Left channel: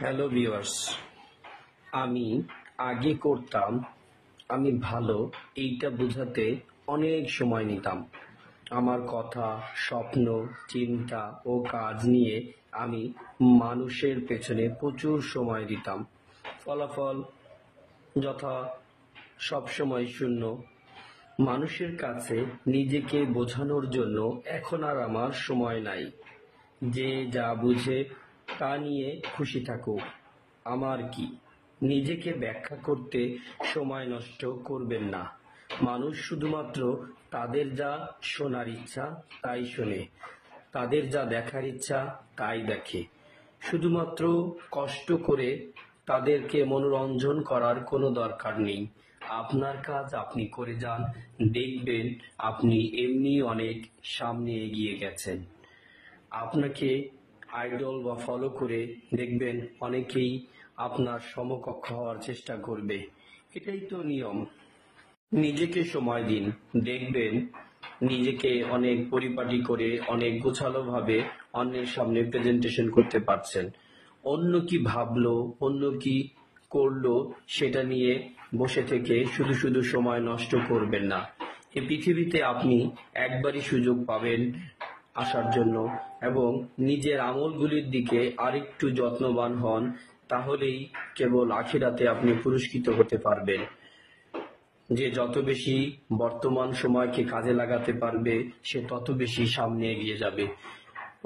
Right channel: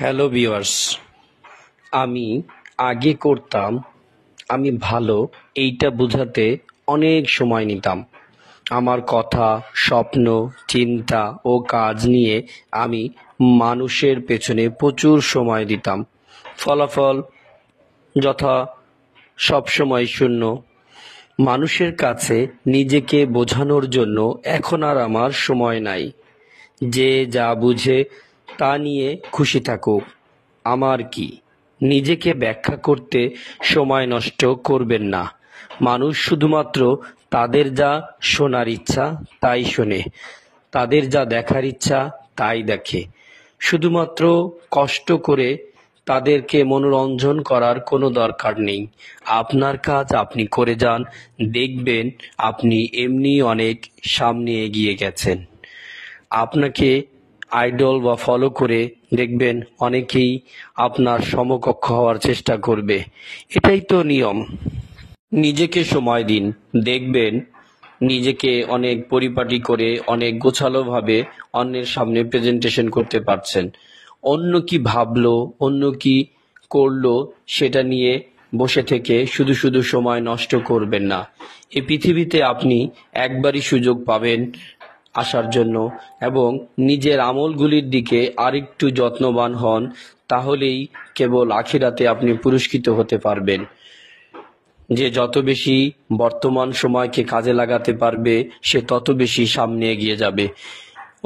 Hello viewers, আমি আগে করতাম আমি ভালো এইটা বোঝাতে অনেক সময় নিতাম। আমার কথা, স্বপ্ন, চিন্তা ও কাজ নিয়ে আমি মানুষের পেছনে প্রচুর সময় দিতাম। ফলাফল যথা সবসময় শূন্য। মানুষের কাছে নিজেকে বোঝানোর জন্য এখন আর আমার সময় নাই। যে যা বুঝে তা নিয়ে খুশি থাকুক, আমার কি। নিজেকে ব্যাখ্যা করতে সময় নষ্ট করবেন না। মানুষ শুধুমাত্র তাদের যা শোনার ইচ্ছা তাই শোনে, তাদের যা দেখার ইচ্ছা তাই দেখে। শুধুমাত্র কষ্ট করে তাদেরকে মনোরঞ্জন করার কোনো দরকার নেই। আপনার কাজ আপনি করে যান, দেখবেন আপনি এমনি অনেক সামনে এগিয়ে গেছেন। আপনাকে আইডল বা ফলো করে দেখবেন অনেকেই আপনার সমকক্ষ হওয়ার চেষ্টা করবে। এটাই তো নিয়ম। নিজেকে সময় দিন, দেখবেন নিজেকে অনেক পরিপাটি করে অনেক গোছালোভাবে অন্যের সামনে প্রেজেন্টেশন করতে পারছেন। অন্য কি ভাবলো, অন্য কি করলো সেটা নিয়ে বসে থেকে শুধু শুধু সময় নষ্ট করবেন না। এই পৃথিবীতে আপনি একবারই সুযোগ পাবেন আসার জন্য, এবং নিজের আমলগুলির দিকে আরেকটু যত্নবান হন, তাহলেই কেবল আখিরাতে আপনি পুরস্কৃত হতে পারবেন। যে যত বেশি বর্তমান সময়কে কাজে লাগাতে পারবে সে তত বেশি সামনে এগিয়ে যাবে।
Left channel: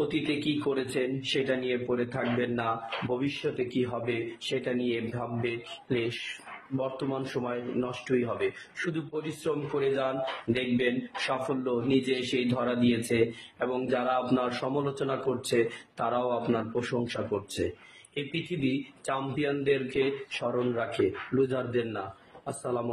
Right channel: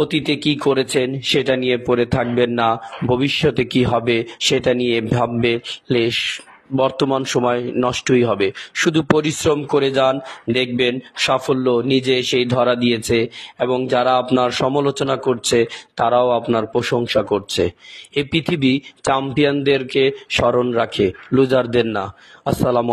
অতীতে কি করেছেন সেটা নিয়ে পড়ে থাকবেন না, ভবিষ্যতে কি হবে সেটা নিয়ে ভাববে বর্তমান সময় নষ্টই হবে। শুধু পরিশ্রম করে যান, দেখবেন সাফল্য নিজে এসেই ধরা দিয়েছে, এবং যারা আপনার সমালোচনা করছে তারাও আপনার প্রশংসা করছে। এই পৃথিবী চ্যাম্পিয়নদেরকে স্মরণ রাখে, লুজারদের না। আসসালামু